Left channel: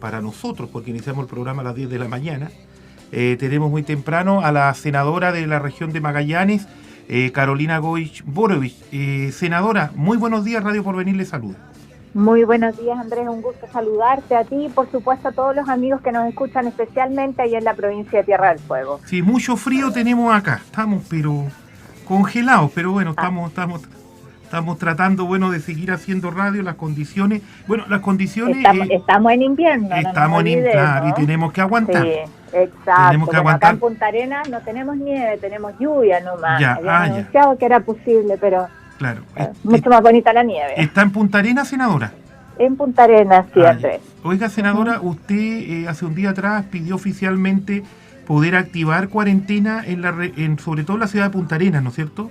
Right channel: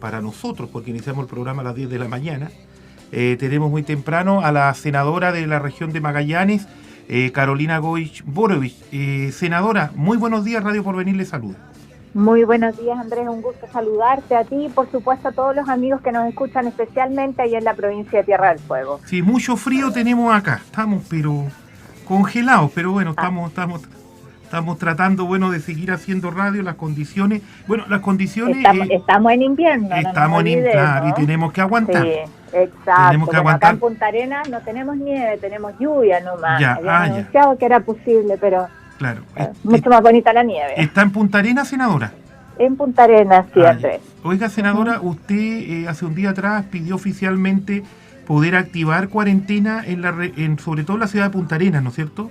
para nosotros, porque iniciamos el programa a las 10 de la mañana. Tenemos muy temprano a la senadora de la región de Magallanes, Carolina Goich Borovich. Senadora, muy buenos días, Radio Porvenir le saluda. Muy buenos días, Andrés, un gusto saludarte a ti y por supuesto a todos los amigos que nos escuchan, especialmente ahí en la provincia de Tierra del Fuego. Sí, mucho frío tenemos acá, estamos pero congelados, pero bueno, estamos tratando, bueno, de seguir haciendo radio, las condiciones, Estamos en invierno, claro, y tenemos que aguantar. Sí, exacto. Acá en Punta Arenas no tenemos nieve, tenemos lluvia nomás. Habían anunciado que era posible, pero claro, mucho más bonita la nieve. ¿Está en Punta Arenas, senadora? En Punta Arenas, sí, Andrés. Oiga, senadora, usted hace un día atrás pidió oficialmente poder activar cuarentena sobre todo en la ciudad de Punta Arenas, ¿no es cierto?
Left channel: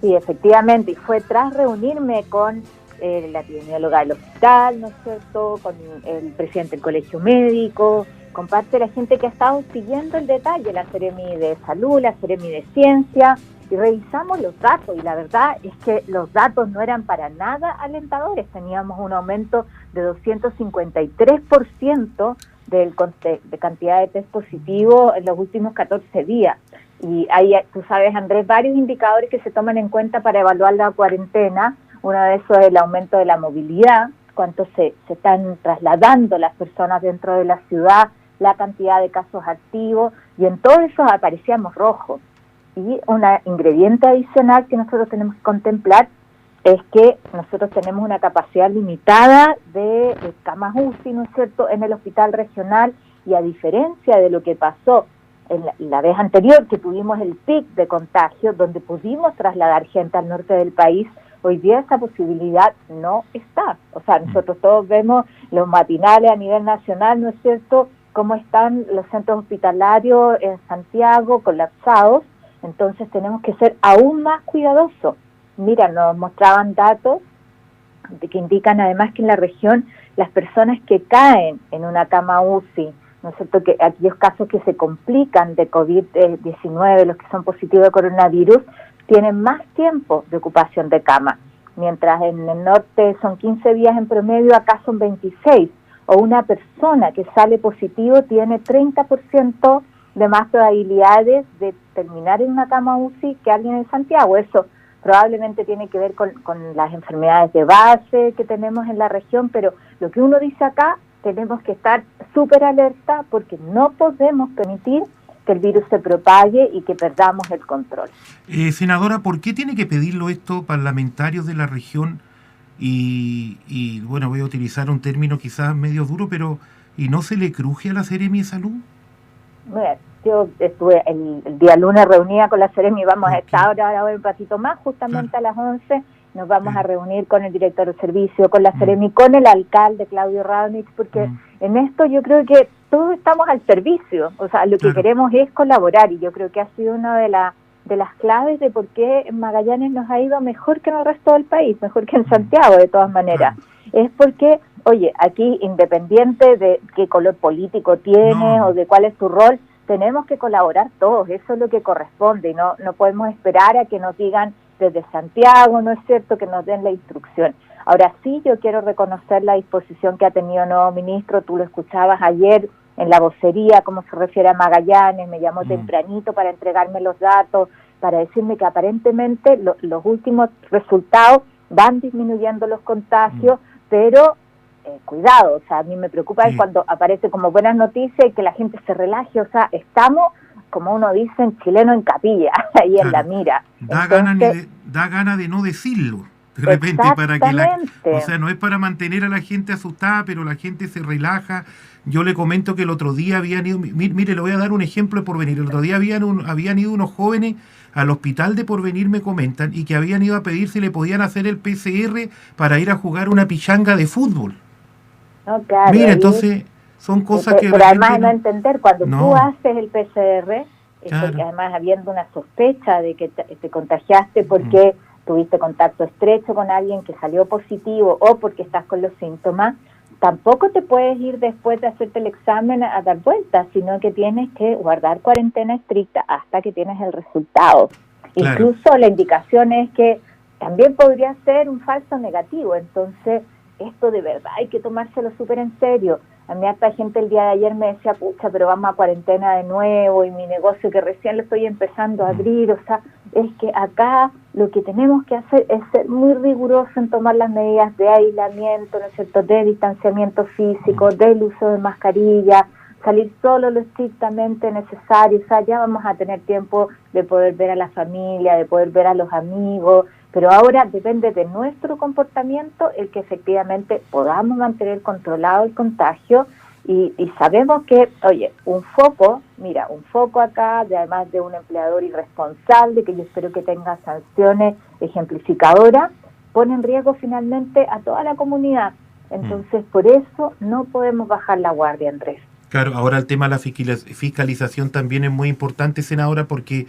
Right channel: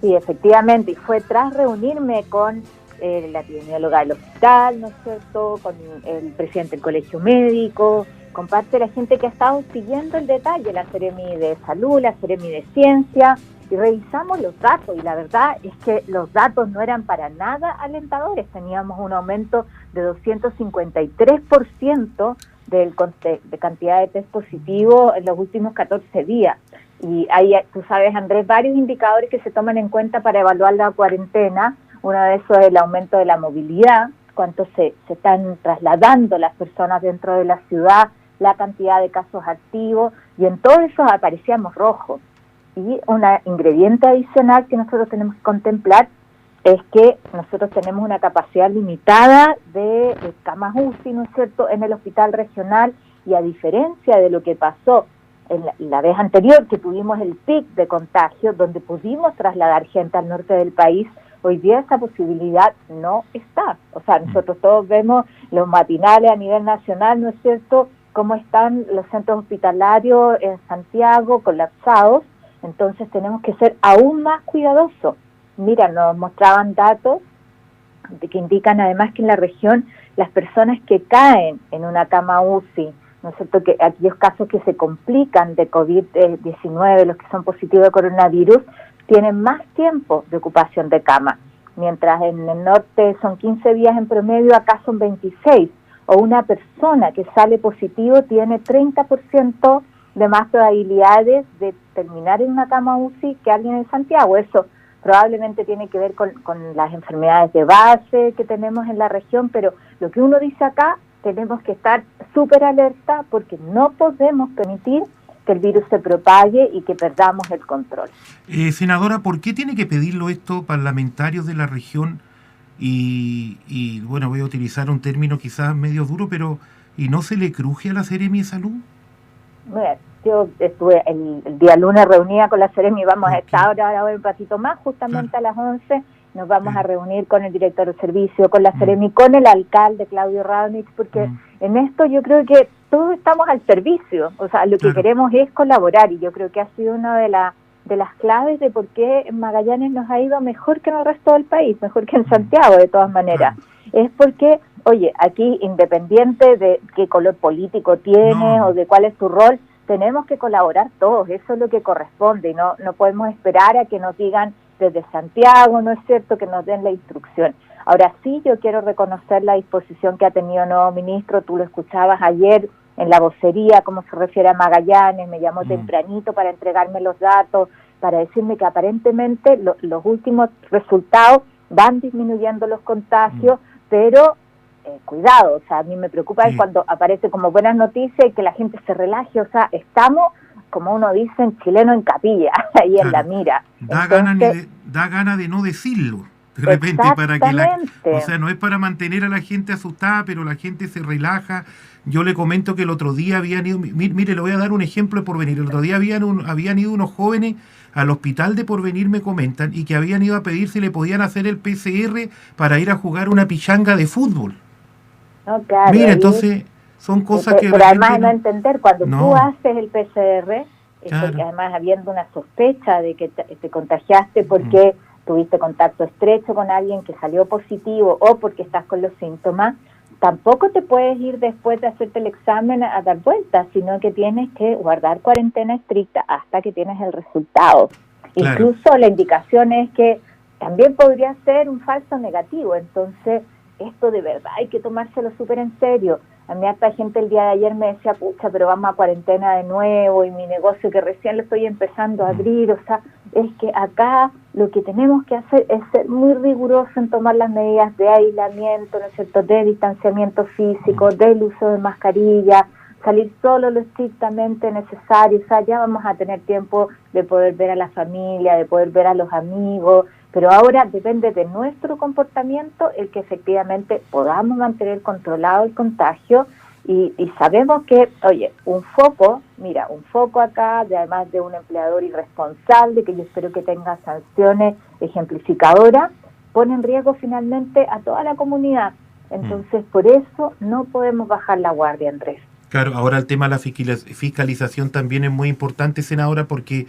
Sí, efectivamente, y fue tras reunirme con la epidemióloga del hospital, ¿no es cierto?, con el presidente del colegio médico, con parte de la gente que ha estado siguiendo el detalle, la Seremi de Salud, la Seremi de Ciencia, y revisamos los datos, y la verdad es que los datos no eran para nada alentadores. Teníamos un aumento de 253% de cantidad de test positivos en los últimos 14 días. Y hay, tú sabes, Andrés, varios indicadores que se toman en cuenta para evaluar la cuarentena. Uno de esos es el aumento de la movilidad, cuánto se están trasladando las personas dentro de la ciudad, la cantidad de casos activos, y en todo eso aparecíamos rojos. Y un ingrediente adicional que nosotros tenemos que contemplar es que nosotros tenemos una capacidad limitada de camas UCI, ¿no es cierto?, en el hospital regional, y a diferencia de lo que pasó en la vez anterior que tuvimos el pic de contagio, donde pudimos trasladar gente al norte del país, hoy día esa posibilidad no está. O sea, nosotros todos vemos los matinales a nivel nacional, ¿no es cierto?, cómo están los centros hospitalarios en Santiago colapsados. Entonces tenemos que ser aún más cuidadosos. Mira, nos mostraban datos que indican además que en la región las personas que caen en una cama UCI, ¿no es cierto?, que aquellos casos que se complican de COVID-19, los que son positivos de coronavirus, tienen más tiempo de ocupación de cama. Mientras en el norte son 15 días en promedio, acá son 26. O una persona que sale positivo tiene 30% de más probabilidades de terminar en una cama UCI que alguien en Santiago. Eso probablemente tiene que ver con las enfermedades de base que tenemos en la región, pero lo que uno dice acá, tenemos que estar súper alerta porque no podemos permitir que el virus se propague y que perdamos el control. Senadora, ¿por qué tiene que pedirlo esto parlamentarios de la región? Y bueno, voy a utilizar un término quizás medio duro, pero ¿y no se le cruje a la Seremi de Salud? Bueno, yo estuve el día lunes reunida con la Seremi, vamos a estar ahora un ratito más, justamente a las 11, nos vamos a reunir con el director de servicio, con la Seremi, con el alcalde Claudio Radonich, porque en esto yo creo que todos estamos al servicio, o sea, lo que queremos es colaborar, y yo creo que ha sido una de las claves de por qué en Magallanes nos ha ido mejor que en el resto del país, mejor que en Santiago de todas maneras. Es porque, oye, aquí independiente de qué color político tienes o de cuál es tu rol, tenemos que colaborar todos, eso es lo que corresponde, y no podemos esperar a que nos digan desde Santiago, ¿no es cierto?, que nos den la instrucción. Ahora sí, yo quiero reconocer la disposición que ha tenido el nuevo ministro, tú lo escuchabas ayer en la vocería, cómo se refiere a Magallanes, me llamó tempranito para entregarme los datos, para decirme que aparentemente los últimos resultados van disminuyendo los contagios, pero cuidado, o sea, a mí me preocupa es cuando aparece como buenas noticias y que la gente se relaje, o sea, estamos, como uno dice en chileno, en capilla, ahí en la mira. Da gana de no decirlo. De repente, para que o sea, no es para mantener a la gente asustada, pero la gente se relaja. Yo le comento que el otro día habían ido, mire, le voy a dar un ejemplo de Porvenir. El otro día habían ido unos jóvenes al hospital de Porvenir, me comentan, y que habían ido a pedir si le podían hacer el PCR para ir a jugar una pichanga de fútbol. No, claro. Mira, entonces son cosas que... Pero además no entender, cuando tú haces el PCR, porque además habiendo una sospecha de que te contagiaste porque tuviste contacto estrecho con alguien que salió positivo o porque estás con los síntomas, tampoco te puedes ir después de hacerte el examen a dar vueltas, sino que tienes que guardar cuarentena estricta hasta que tienes el resultado. Claro. Incluso la indicación es que también podría ser un falso negativo, entonces esto de verdad hay que tomárselo súper en serio. A mí hasta gente el día de ayer me decía, pucha, pero vamos a cuarentena de nuevo y mi negocio que recién lo estoy empezando a abrir. O sea, es que acá lo que tenemos que hacer es ser muy riguroso en tomar las medidas de aislamiento, ¿no es cierto?, de distanciamiento físico, del uso de mascarilla, salir solo lo estrictamente necesario. O sea, ya vamos a tener tiempo de poder ver a la familia, de poder ver a los amigos, pero ahora depende de nuestro comportamiento el que efectivamente podamos mantener controlado el contagio y sabemos que, oye, un foco acá, además de un empleador irresponsable, que yo espero que tenga sanciones ejemplificadoras, pone en riesgo finalmente a toda la comunidad. Entonces, por eso no podemos bajar la guardia, Andrés. Claro, ahora el tema de la fiscalización también es muy importante, senadora, porque,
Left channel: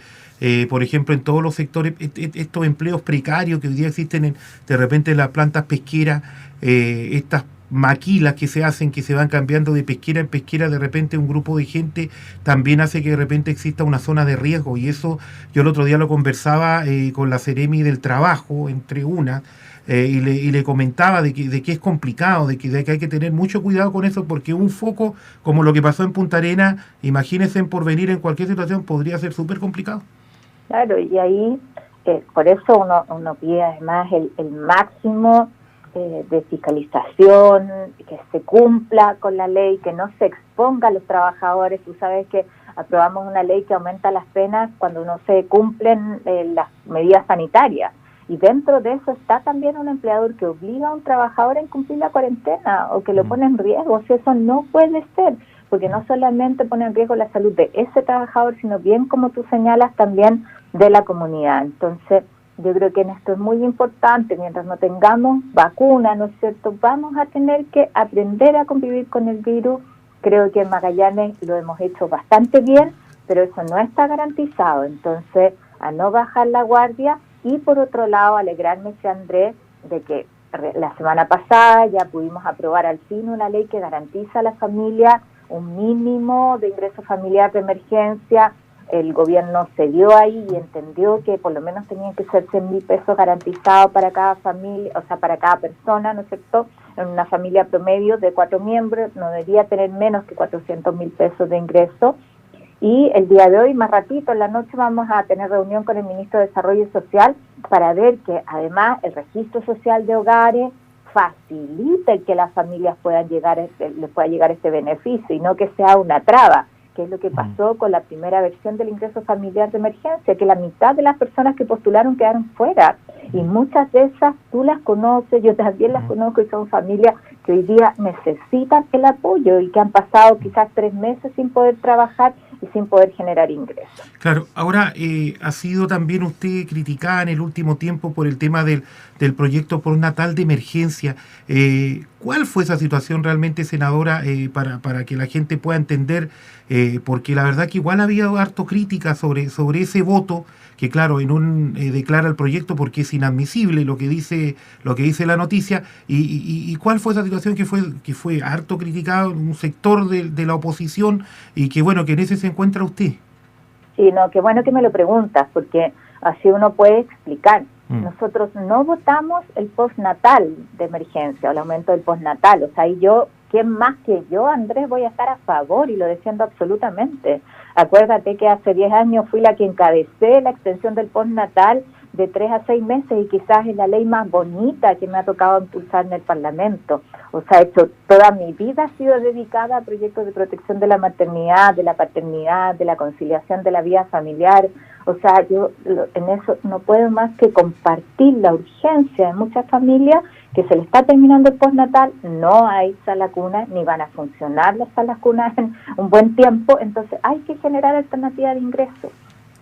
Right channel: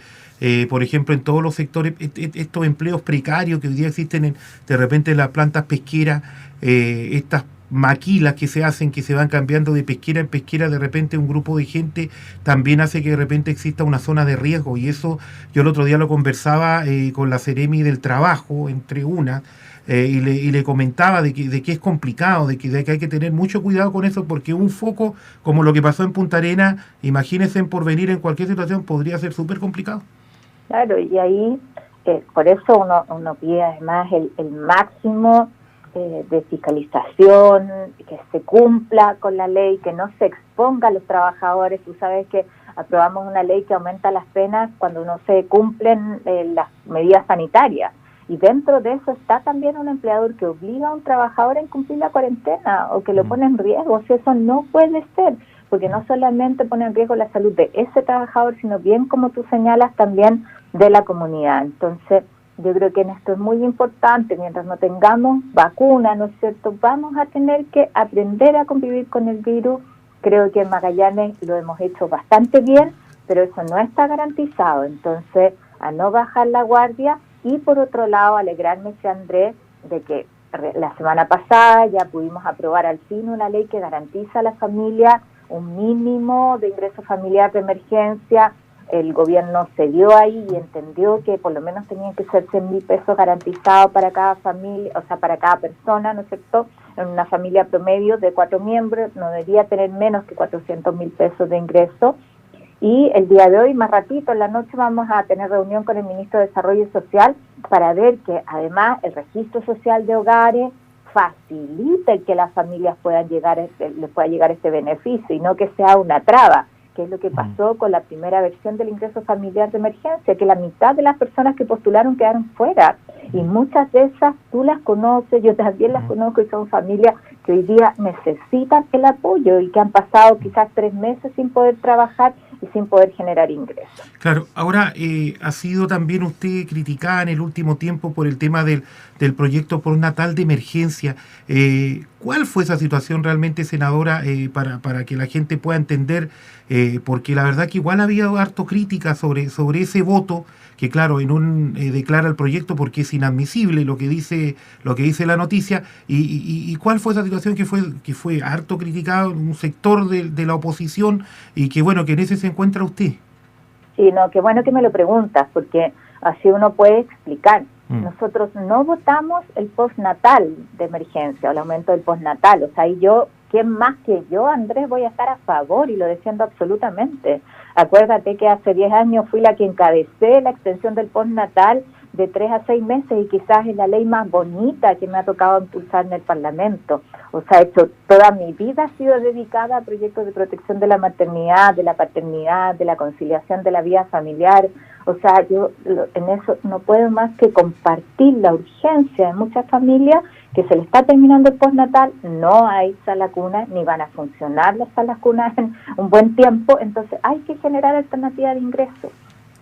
por ejemplo, en todos los sectores, estos empleos precarios que hoy día existen de repente en las plantas pesqueras, estas maquilas que se hacen, que se van cambiando de pesquera en pesquera, de repente un grupo de gente también hace que de repente exista una zona de riesgo, y eso yo el otro día lo conversaba con la Seremi del Trabajo, entre una, y le comentaba de que es complicado, de que hay que tener mucho cuidado con eso, porque un foco como lo que pasó en Punta Arenas, imagínense en porvenir en cualquier situación, podría ser súper complicado. Claro, y ahí por eso uno pide además el máximo de fiscalización, que se cumpla con la ley, que no se exponga a los trabajadores. Tú sabes que aprobamos una ley que aumenta las penas cuando no se cumplen las medidas sanitarias. Y dentro de eso está también un empleador que obliga a un trabajador a incumplir la cuarentena o que lo pone en riesgo. O sea, eso no puede ser, porque no solamente pone en riesgo la salud de ese trabajador, sino bien, como tú señalas, también de la comunidad. Entonces, yo creo que en esto es muy importante, mientras no tengamos vacuna, ¿no es cierto?, vamos a tener que aprender a convivir con el virus. Creo que en Magallanes lo hemos hecho bastante bien, pero eso no está garantizado. Entonces, a no bajar la guardia. Y por otro lado, alegrarme, Andrés, de que la semana pasada ya pudimos aprobar al fin una ley que garantiza a la familia un mínimo de ingreso familiar de emergencia. El gobierno se dio ahí y entendió que por lo menos tenían que ser 100.000 pesos garantizados para cada familia, o sea, para cada persona, ¿no es cierto? En una familia promedio de 4 miembros no debería tener menos que 400.000 pesos de ingreso. Y el día de hoy, más ratito, en la noche, vamos a tener reunión con el ministro de Desarrollo Social para ver que además el registro social de hogares facilite el que las familias puedan les pueda llegar este beneficio y no que sea una traba, que es lo que pasó con la primera versión del ingreso familiar de emergencia, que la mitad de las personas que postularon quedaron fuera. Y muchas de esas tú las conoces, yo también las conozco, y son familias que hoy día necesitan el apoyo y que han pasado quizás 3 meses sin poder trabajar y sin poder generar ingresos. Claro, ahora ha sido también usted criticada en el último tiempo por el tema del proyecto postnatal de emergencia. ¿Cuál fue esa situación realmente, senadora, para que la gente pueda entender? Porque la verdad que igual había harto crítica sobre ese voto, que claro, declara el proyecto porque es inadmisible lo que dice la noticia, y cuál fue esa situación que fue harto criticado en un sector de la oposición, y que bueno, que en ese se encuentra usted. Sí, no, qué bueno que me lo preguntas, porque así uno puede explicar. Nosotros no votamos el postnatal de emergencia, o el aumento del postnatal. O sea, y yo, ¿quién más que yo, Andrés, voy a estar a favor? Y lo defiendo absolutamente. Acuérdate que hace 10 años fui la que encabecé la extensión del postnatal de 3 a 6 meses, y quizás es la ley más bonita que me ha tocado impulsar en el Parlamento. O sea, toda mi vida ha sido dedicada a proyectos de protección de la maternidad, de la paternidad, de la conciliación de la vida familiar. O sea, yo en eso no puedo más que compartir la urgencia de muchas familias que se le está terminando el postnatal, no hay sala cuna, ni van a funcionar las salas cunas en un buen tiempo, entonces hay que generar alternativas de ingreso.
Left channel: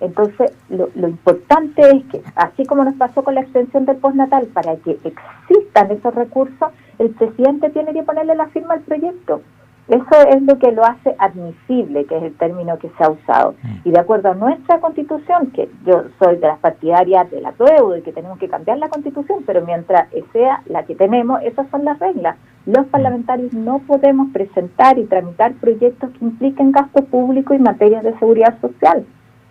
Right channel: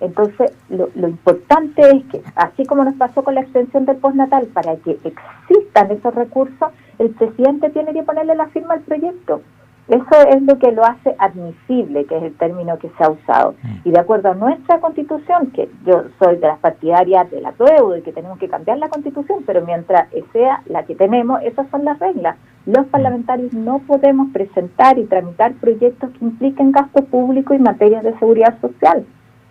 Entonces, lo importante es que, así como nos pasó con la extensión del postnatal, para que existan esos recursos, el presidente tiene que ponerle la firma al proyecto. Eso es lo que lo hace admisible, que es el término que se ha usado. Y de acuerdo a nuestra Constitución, que yo soy de las partidarias del apruebo, de que tenemos que cambiar la Constitución, pero mientras sea la que tenemos, esas son las reglas. Los parlamentarios no podemos presentar y tramitar proyectos que impliquen gasto público y materias de seguridad social.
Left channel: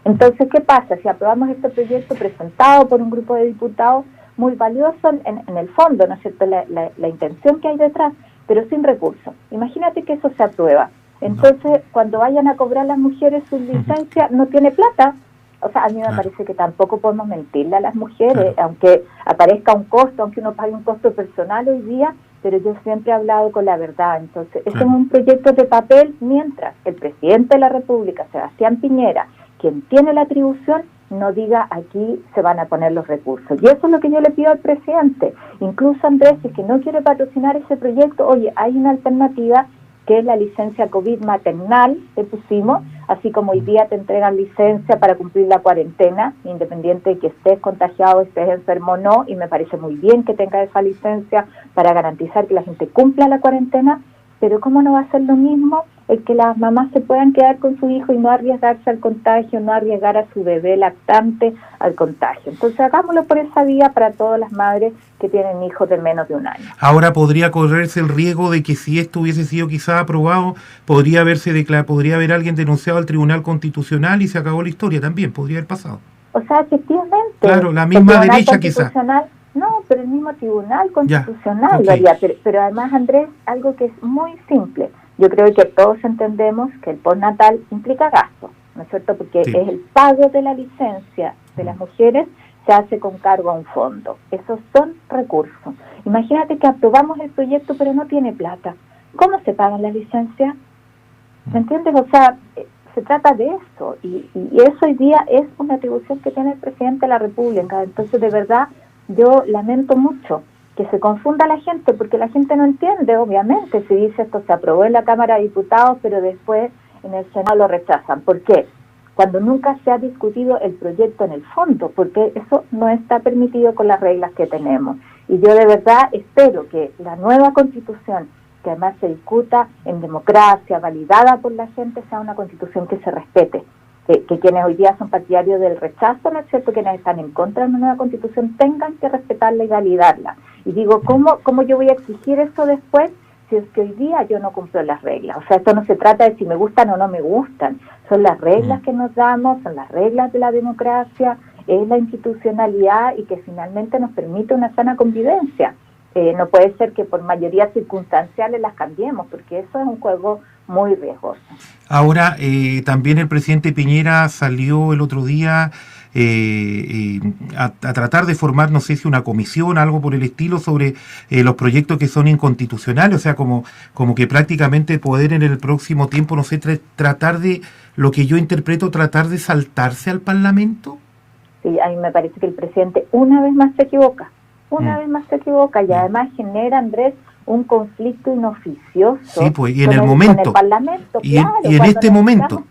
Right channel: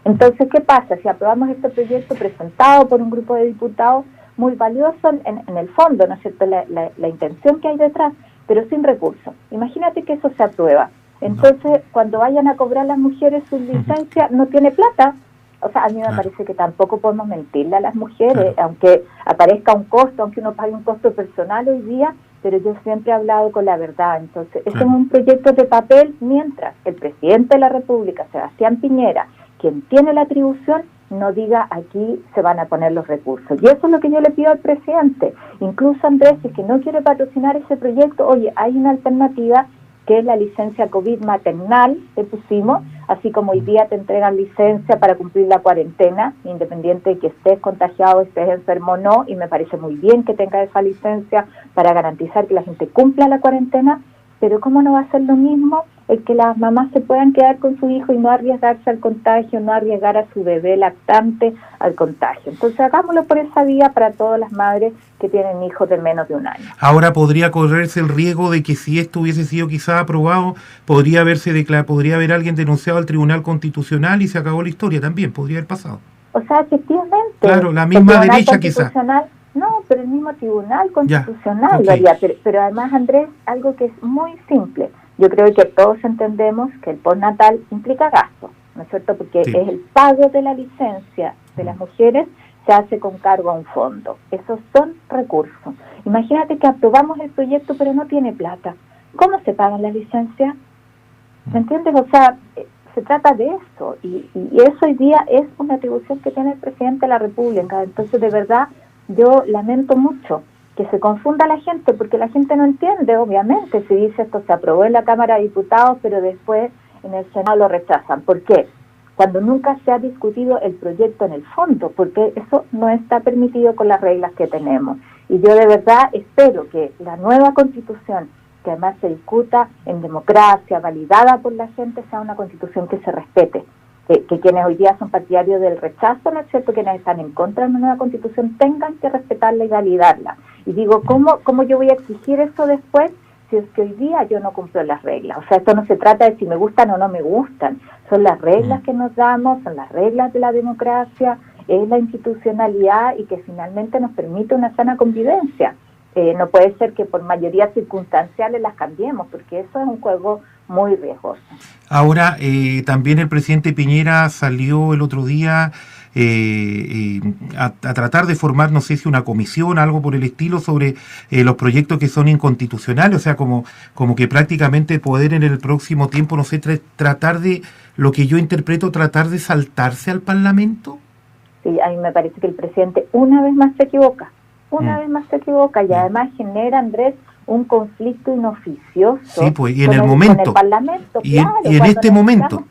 Entonces, ¿qué pasa? Si aprobamos este proyecto presentado por un grupo de diputados muy valioso en el fondo, ¿no es cierto?, la intención que hay detrás, pero sin recursos. Imagínate que eso se aprueba. Entonces, cuando vayan a cobrar las mujeres su licencia, no tiene plata. O sea, a mí me parece que tampoco podemos mentirle a las mujeres, aunque aparezca un costo, aunque uno pague un costo personal hoy día, pero yo siempre he hablado con la verdad. Entonces, este es un proyecto de papel mientras el presidente de la República, Sebastián Piñera, quien tiene la atribución, no diga aquí se van a poner los recursos. Y eso es lo que yo le pido al presidente. Incluso Andrés, si es que no quiere patrocinar ese proyecto, oye, hay una alternativa que es la licencia COVID maternal que pusimos, así como hoy día te entregan licencia para cumplir la cuarentena, independiente de que estés contagiado, estés enfermo o no, y me parece muy bien que tenga esa licencia para garantizar que la gente cumpla la cuarentena, pero ¿cómo no va a ser lo mismo el que las mamás se puedan quedar con su hijo y no arriesgarse al contagio, no arriesgar a su bebé lactante al contagio? Entonces hagámoslo por esa vía para todas las madres que tienen hijos de menos de un año. Ahora podría correrse el riesgo de que si esto hubiese sido quizás aprobado, podría haber alguien denunciado al Tribunal Constitucional y se acabó la historia también, podría haber pasado. O sea, efectivamente. Claro, la misma derecha quizás. No, pero el mismo Tribunal Constitucional lo haría. Pero además, Andrés, algo que es muy simple. Yo creo que todos entendemos que el postnatal implica gasto, ¿no es cierto? Porque es el pago de la licencia de las mujeres, se hace con cargo a un fondo. Esos son recursos. Imagínate que aprobamos el proyecto pero no tiene plata. ¿Cómo se pagan las licencias? ¿Me entiendes? O sea, se trata de eso. Y eso hoy día es una atribución que tiene el presidente de la República. Entonces, de verdad, yo lamento mucho que se confunda la gente, porque la gente no entiende, obviamente, si dice esto se aprobó en la Cámara de Diputados, pero después en el Senado lo rechazan. ¿Por qué? Cuando nunca se ha discutido el proyecto en el fondo, porque eso no está permitido con las reglas que tenemos. Y yo de verdad espero que la nueva Constitución, que además se discuta en democracia, validada por la gente, sea una Constitución que se respete. Que quienes hoy día son partidarios del rechazo, ¿no es cierto?, quienes están en contra de una nueva Constitución, tengan que respetarla y validarla. Y digo, ¿cómo yo voy a exigir eso después si es que hoy día yo no cumplo las reglas? O sea, esto no se trata de si me gustan o no me gustan, son las reglas que nos damos, son las reglas de la democracia, es la institucionalidad y que finalmente nos permite una sana convivencia. No puede ser que por mayoría circunstanciales las cambiemos, porque eso es un juego muy riesgoso. Ahora, también el presidente Piñera salió el otro día a tratar de formar, no sé si una comisión, algo por el estilo, sobre los proyectos que son inconstitucionales, o sea, como que prácticamente poder en el próximo tiempo, no sé, tratar de, lo que yo interpreto, tratar de saltarse al Parlamento. Sí, a mí me parece que el presidente una vez más se equivoca. Vez más se equivoca y además genera, Andrés, un conflicto inoficioso. Sí, pues, y en el momento. Con el Parlamento, y en este momento.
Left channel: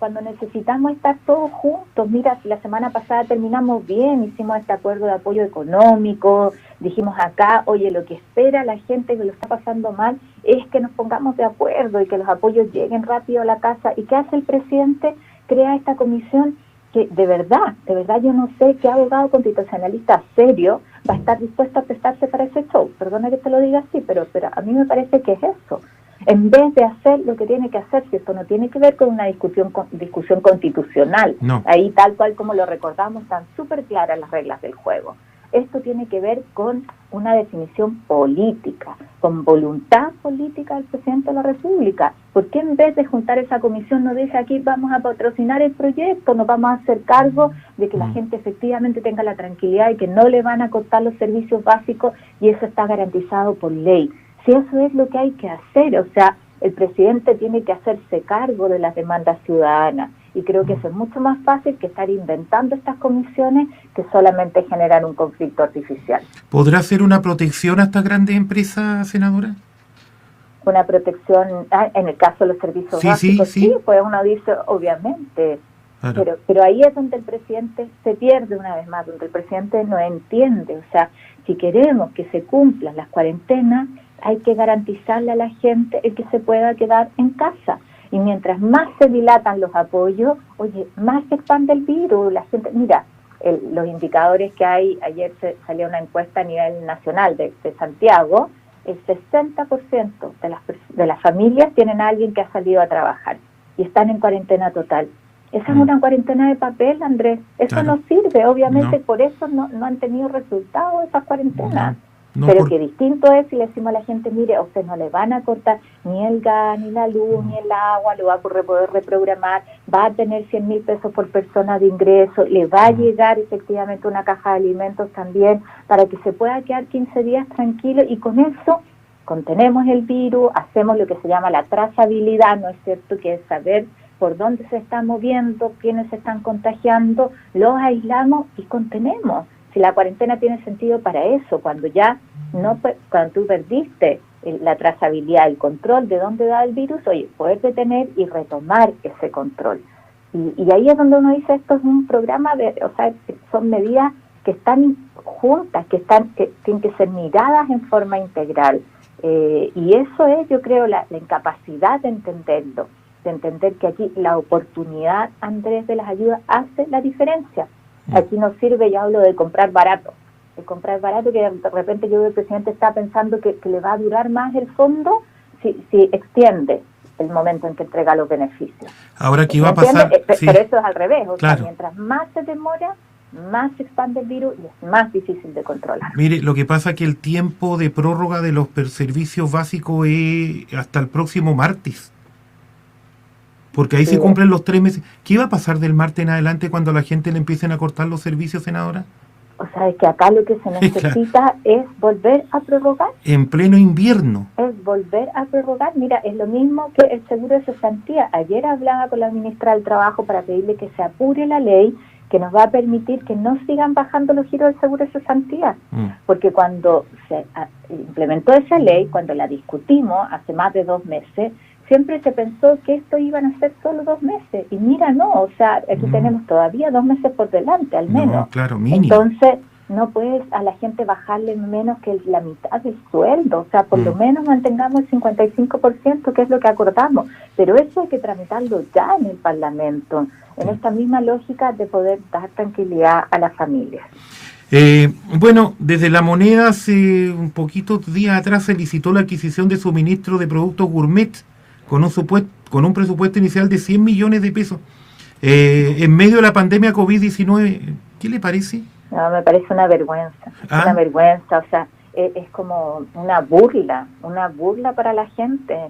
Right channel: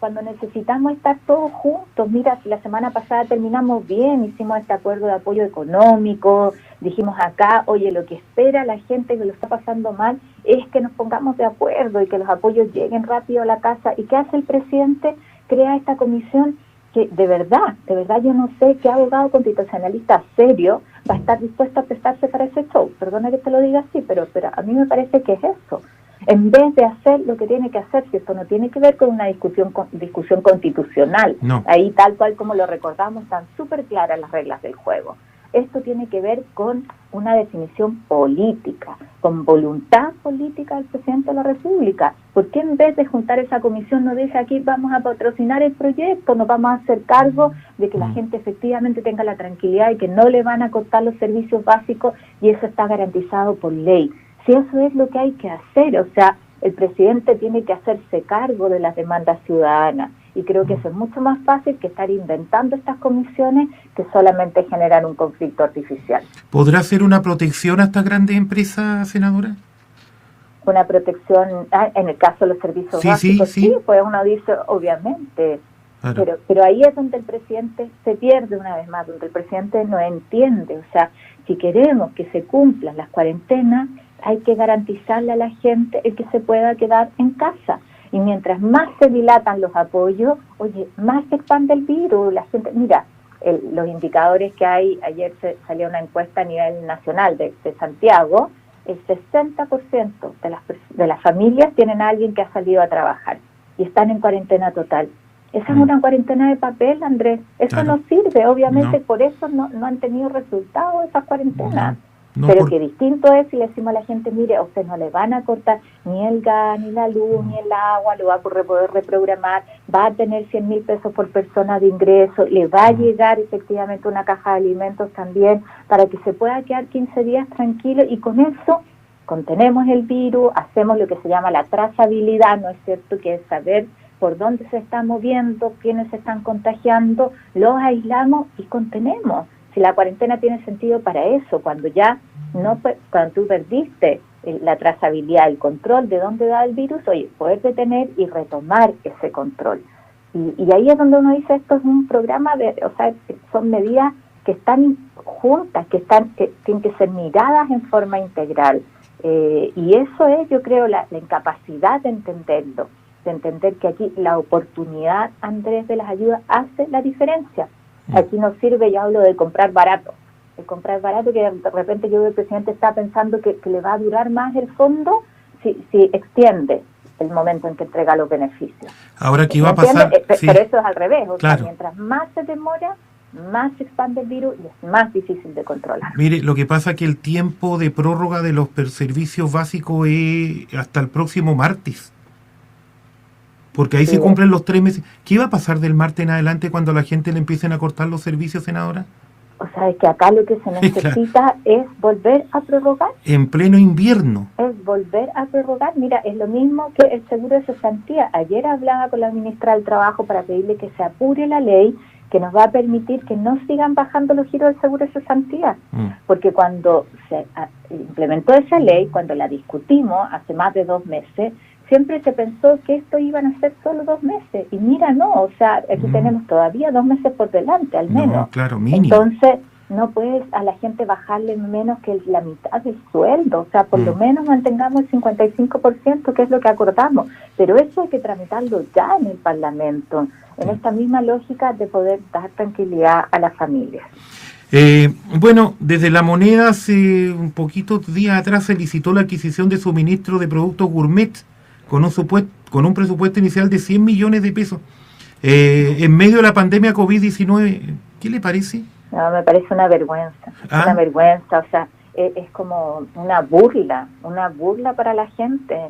Cuando necesitamos estar todos juntos. Mira, la semana pasada terminamos bien, hicimos este acuerdo de apoyo económico, dijimos acá, oye, lo que espera la gente que lo está pasando mal es que nos pongamos de acuerdo y que los apoyos lleguen rápido a la casa. ¿Y qué hace el presidente? Crea esta comisión que de verdad yo no sé qué abogado constitucionalista serio va a estar dispuesto a prestarse para ese show. Perdona que te lo diga así, pero a mí me parece que es eso. En vez de hacer lo que tiene que hacer, si esto no tiene que ver con una discusión constitucional, ahí tal cual como lo recordamos, están súper claras las reglas del juego. Esto tiene que ver con una definición política, con voluntad política del presidente de la República. ¿Por qué en vez de juntar esa comisión no dice aquí vamos a patrocinar el proyecto, nos vamos a hacer cargo de que la gente efectivamente tenga la tranquilidad y que no le van a cortar los servicios básicos y eso está garantizado por ley? Si eso es lo que hay que hacer, o sea, el presidente tiene que hacerse cargo de las demandas ciudadanas. Y creo que eso es mucho más fácil que estar inventando estas comisiones que solamente generar un conflicto artificial. ¿Podrá ser una protección a estas grandes empresas, senadora? Una protección, en el caso de los servicios básicos, sí, pues uno dice, obviamente, claro. Pero ahí es donde el presidente se pierde una vez más, donde el presidente no entiende. O sea, si queremos que se cumplan las cuarentenas, hay que garantizarle a la gente el que se pueda quedar en casa. Y mientras más se dilatan los apoyos, oye, más se expande el virus. La gente, mira, los indicadores que hay, ayer salió una encuesta a nivel nacional de Santiago, el 60% de las familias tienen a alguien que ha salido a trabajar y están en cuarentena total. Esa es una cuarentena de papel, Andrés. Eso no sirve, obviamente, por eso no han tenido resultados esas cuarentenas. No pero que distinto es si le decimos a la gente, mire, a usted no le van a cortar ni el gas, ni la luz, ni el agua, lo va a poder reprogramar, va a tener 100.000 pesos por persona de ingreso, le va a llegar efectivamente una caja de alimentos también, para que se pueda quedar 15 días tranquilo, y con eso contenemos el virus, hacemos lo que se llama la trazabilidad, ¿no es cierto?, que es saber por dónde se está moviendo, quiénes se están contagiando, los aislamos y contenemos. Si la cuarentena tiene sentido para eso, cuando cuando tú perdiste la trazabilidad, el control de dónde da el virus, oye, poder detener y retomar ese control. Y ahí es donde uno dice, esto es un programa son medidas que están juntas, que tienen que ser miradas en forma integral. Y eso es, yo creo, la incapacidad de entenderlo, de entender que aquí la oportunidad, Andrés, de las ayudas hace la diferencia. Aquí no sirve, yo hablo de comprar barato, que de repente yo veo que el presidente está pensando que le va a durar más el fondo si extiende el momento en que entrega los beneficios. Ahora, ¿qué iba a pasar? Sí. Pero eso es al revés, claro. Sea, mientras más se demora, más se expande el virus y es más difícil de controlar. Mire, lo que pasa es que el tiempo de prórroga de los servicios básicos es hasta el próximo martes. Porque ahí se cumplen los 3 meses. ¿Qué va a pasar del martes en adelante cuando a la gente le empiecen a cortar los servicios, senadora? O sea, es que acá lo que se necesita es volver a prorrogar. En pleno invierno. Es volver a prorrogar. Mira, es lo mismo que el seguro de cesantía. Ayer hablaba con la ministra del Trabajo para pedirle que se apure la ley que nos va a permitir que no sigan bajando los giros del seguro de cesantía. Porque cuando se implementó esa ley, cuando la discutimos hace más de 2 meses, siempre se pensó que esto iban a ser solo 2 meses. Y mira, no, o sea, aquí tenemos todavía 2 meses por delante, al menos. No, claro, mínimo. Entonces, no puedes a la gente bajarle menos que la mitad del sueldo. O sea, por lo menos mantengamos el 55%, que es lo que acordamos. Pero eso hay que tramitarlo ya en el Parlamento, en esta misma lógica de poder dar tranquilidad a las familias. Bueno, desde La Moneda hace un poquito días atrás se licitó la adquisición de suministro de productos gourmet con un presupuesto inicial de 100 millones de pesos. En medio de la pandemia COVID-19, ¿qué le parece? No, me parece una vergüenza, una vergüenza, o sea, es como una burla para la gente.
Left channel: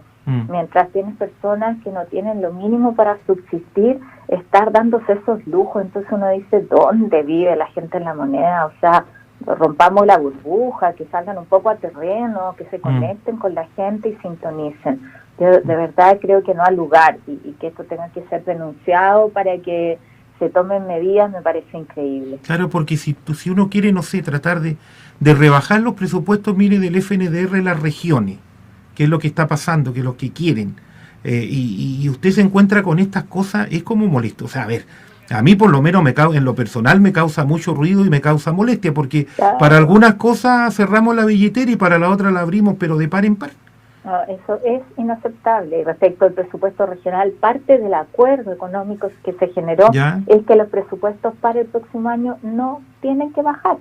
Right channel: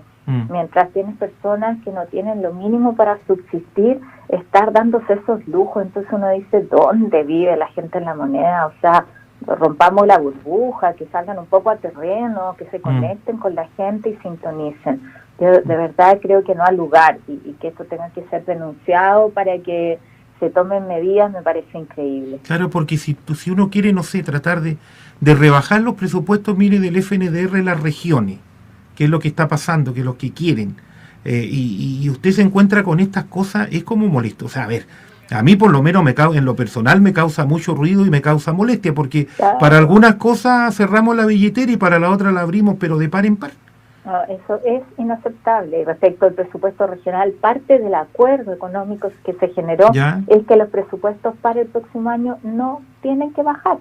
Mientras tienes personas que no tienen lo mínimo para subsistir, estar dándose esos lujos, entonces uno dice, ¿dónde vive la gente en La Moneda? O sea, rompamos la burbuja, que salgan un poco a terreno, que se conecten con la gente y sintonicen. Yo de verdad creo que no hay lugar y que esto tenga que ser denunciado para que se tomen medidas, me parece increíble. Claro, porque si uno quiere, no sé, tratar de rebajar los presupuestos, mire, del FNDR en las regiones, que es lo que está pasando, que es lo que quieren, y usted se encuentra con estas cosas, es como molesto. O sea, a ver, a mí por lo menos en lo personal me causa mucho ruido y me causa molestia, porque para algunas cosas cerramos la billetera y para la otra la abrimos, pero de par en par. No, eso es inaceptable. Respecto al presupuesto regional, parte del acuerdo económico que se generó es que los presupuestos para el próximo año no tienen que bajar.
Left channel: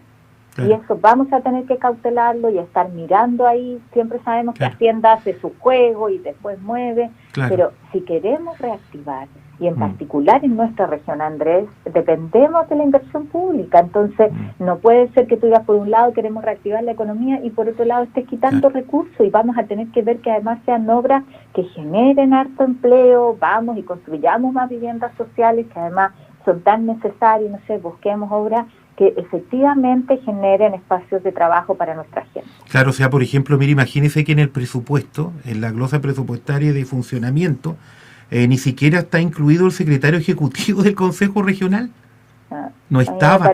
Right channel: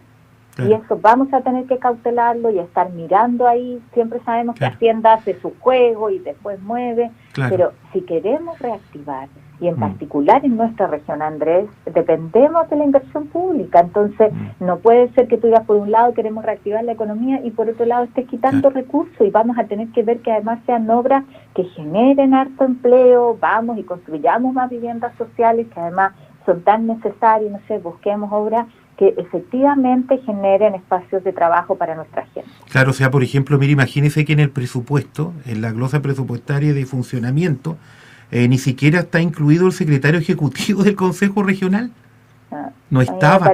Claro. Y eso vamos a tener que cautelarlo y estar mirando ahí. Siempre sabemos que Hacienda hace su juego y después mueve, pero si queremos reactivar, y en particular en nuestra región, Andrés, dependemos de la inversión pública. Entonces, no puede ser que tú digas, por un lado queremos reactivar la economía y por otro lado estés quitando recursos, y vamos a tener que ver que además sean obras que generen harto empleo, vamos y construyamos más viviendas sociales que además son tan necesarias, no sé, busquemos obras que efectivamente generen espacios de trabajo para nuestra gente. Claro, o sea, por ejemplo, mire, imagínese que en el presupuesto, en la glosa presupuestaria de funcionamiento, ni siquiera está incluido el secretario ejecutivo del Consejo Regional. No estaba.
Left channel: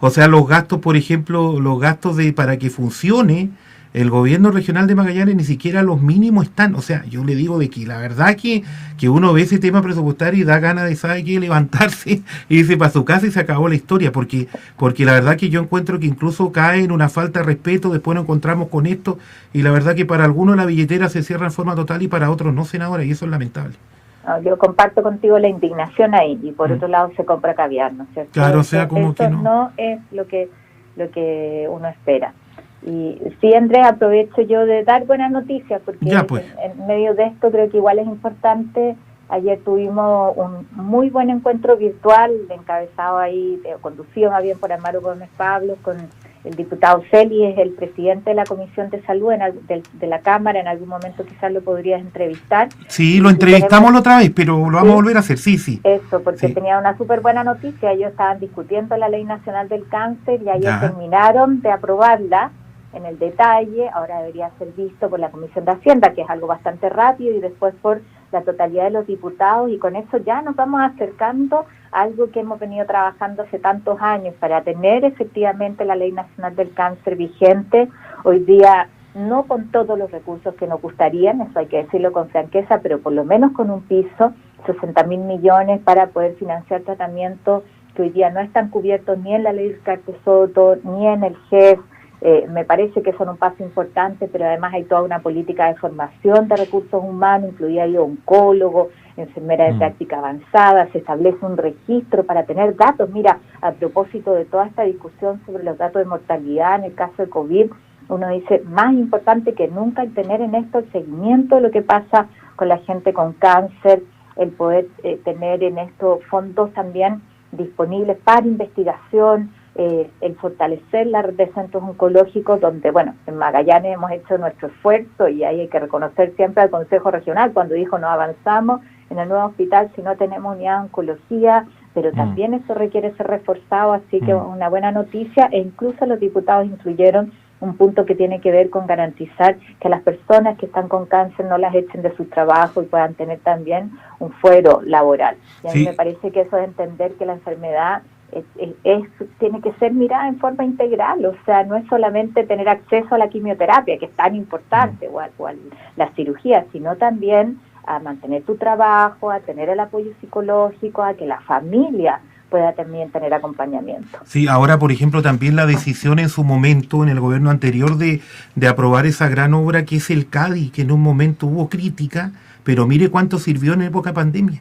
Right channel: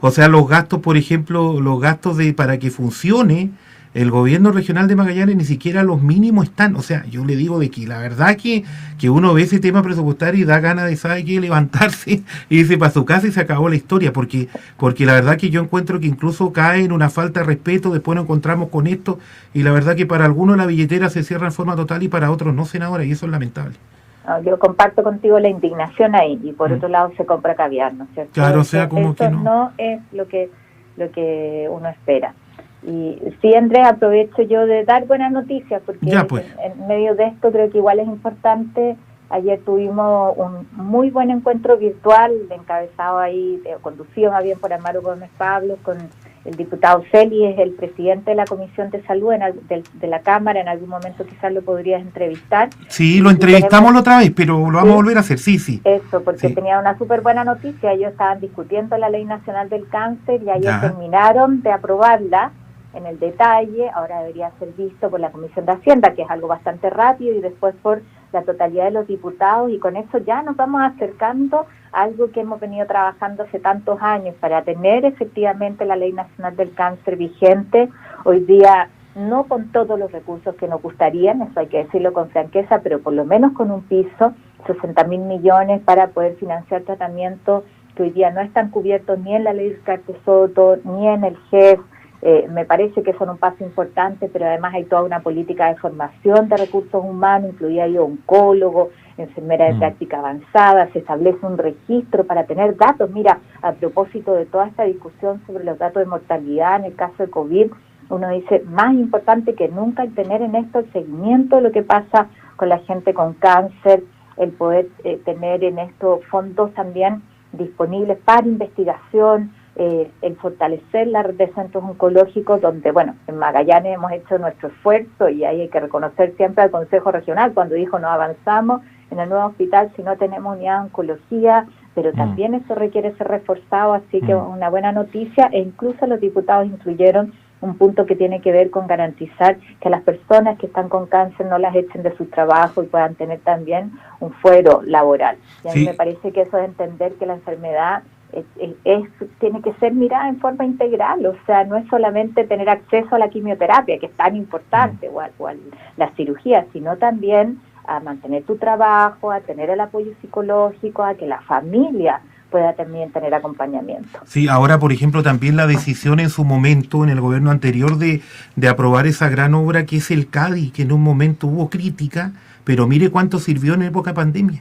O sea, los gastos, por ejemplo, los gastos para que funcione el gobierno regional de Magallanes, ni siquiera los mínimos están. O sea, yo le digo de que la verdad que uno ve ese tema presupuestario y da ganas de, ¿sabe qué?, levantarse y irse para su casa y se acabó la historia, porque la verdad que yo encuentro que incluso cae en una falta de respeto. Después nos encontramos con esto y la verdad que para algunos la billetera se cierra en forma total y para otros no, senadora, y eso es lamentable. Yo comparto contigo la indignación ahí, y por otro lado se compra caviar, ¿no es cierto? Claro, o sea, como eso que no es lo que uno espera. Y sí, Andrés, aprovecho yo de dar buenas noticias, porque en medio de esto creo que igual es importante. Ayer tuvimos un muy buen encuentro virtual, encabezado ahí, conducido más bien por Amaro Gómez Pablo, con el diputado Celi es el presidente de la Comisión de Salud de la Cámara, en algún momento quizás lo podrías entrevistar. Sí, lo entrevistamos la otra vez, pero lo vamos a volver a hacer, sí. Eso, porque sí. tenía una súper buena noticia, ellos estaban discutiendo la Ley Nacional del Cáncer y ayer terminaron de aprobarla en el detalle, ahora debería ser visto por la Comisión de Hacienda, que es algo bastante rápido, y después por la totalidad de los diputados, y con eso ya nos vamos acercando a algo que hemos venido trabajando hace tantos años para tener efectivamente la Ley Nacional del Cáncer vigente. Hoy día no con todos los recursos que nos gustarían, eso hay que decirlo con franqueza, pero por lo menos con un piso, 60.000 millones para poder financiar tratamientos que hoy día no están cubiertos ni en la Ley Descartes Soto, ni en el GES. Me parece que son un paso importante, pero además hay toda una política de formación de recursos humanos, incluida ahí oncólogos, enfermeras de práctica avanzada, se establece un registro para tener datos. Mira, a propósito de toda esta discusión sobre los datos de mortalidad en el caso de COVID, uno dice, más importante que nunca el tener en esto el seguimiento de lo que pasa con la gente con cáncer, el poder tener en estos fondos también disponibles para investigación, el fortalecer la red de centros oncológicos, donde, bueno, en Magallanes hemos hecho nuestro esfuerzo y ahí hay que reconocer siempre al Consejo Regional cuando dijo no avanzamos en el nuevo hospital si no tenemos unidad de oncología, pero también eso requiere ser reforzado, así que una buena noticia, e incluso los diputados incluyeron un punto que tiene que ver con garantizar que las personas que están con cáncer no las echen de su trabajo y puedan tener también un fuero laboral. Y a mí me parece que eso es entender que la enfermedad tiene que ser mirada en forma integral, o sea, no es solamente tener acceso a la quimioterapia, que es tan importante, o a la cirugía, sino también a mantener tu trabajo, a tener el apoyo psicológico, a que la familia pueda también tener acompañamiento. Sí, ahora, por ejemplo, también la decisión en su momento, en el gobierno anterior, de aprobar esa gran obra que es el CADI, que en un momento hubo crítica, pero mire cuánto sirvió en época pandemia.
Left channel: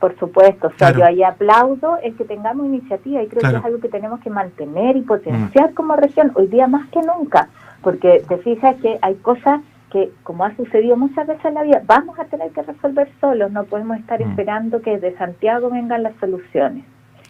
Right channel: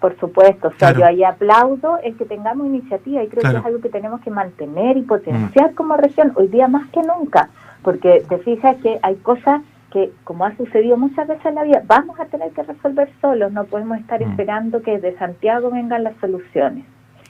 Por supuesto, o sea, yo ahí aplaudo el que tengamos iniciativa y creo que es algo que tenemos que mantener y potenciar como región, hoy día más que nunca, porque te fijas que hay cosas que, como ha sucedido muchas veces en la vida, vamos a tener que resolver solos, no podemos estar esperando que de Santiago vengan las soluciones.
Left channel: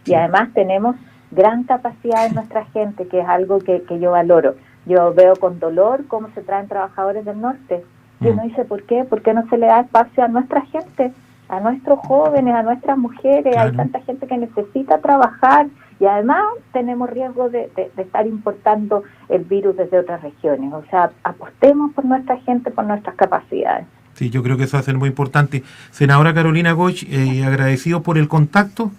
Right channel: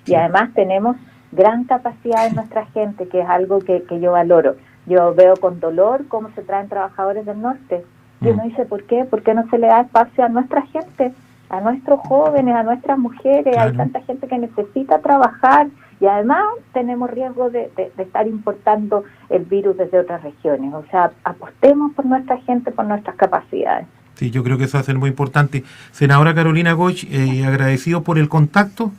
Y además tenemos gran capacidad en nuestra gente, que es algo que yo valoro. Yo veo con dolor cómo se traen trabajadores del norte. Y uno dice, ¿por qué? ¿Por qué no se le da espacio a nuestra gente, a nuestros jóvenes, a nuestras mujeres? Hay tanta gente que necesita trabajar y además tenemos riesgo de estar importando el virus desde otras regiones. O sea, apostemos por nuestra gente, por nuestras capacidades. Sí, yo creo que eso va a ser muy importante. Senadora Carolina Goich, agradecido por el contacto.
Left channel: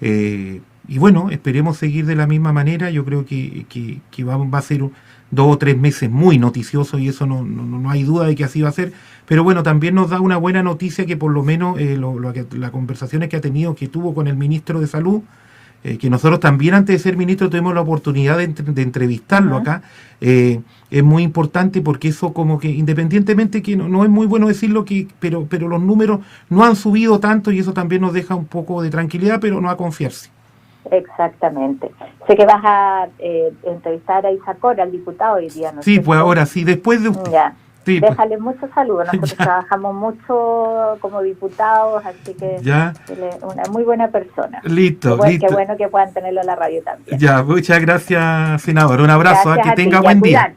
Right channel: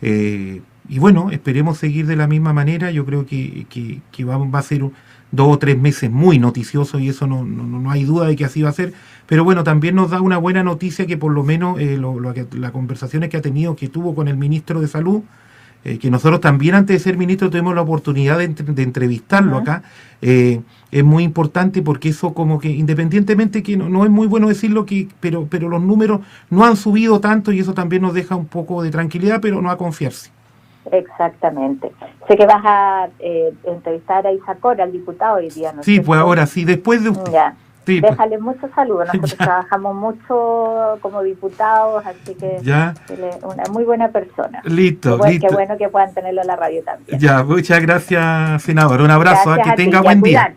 Y bueno, esperemos seguir de la misma manera. Yo creo que va a ser 2 o 3 meses muy noticiosos y eso no hay duda de que así va a ser. Pero bueno, también nos da una buena noticia que por lo menos las conversaciones que tuvo con el ministro de Salud, que nosotros también antes de ser ministro tuvimos la oportunidad de entrevistarlo acá, es muy importante porque eso como que independientemente que no es muy bueno decirlo, pero los números no han subido tanto y eso también nos deja un poco de tranquilidad, pero no a confiarse. Exactamente. Sé que vas a entrevistar a Isacor, al diputado hoy día, ¿no? Sí, pues ahora sí, después de usted. Ya. Sí, déjale muchos saludos. Nosotros trabajamos mucho como diputados, así que él es una muy buena persona. Listo. Qué bueno que puedan tenerlo en la radio también. Ya, muchas gracias, senador. Un abrazo, que tenga buen día.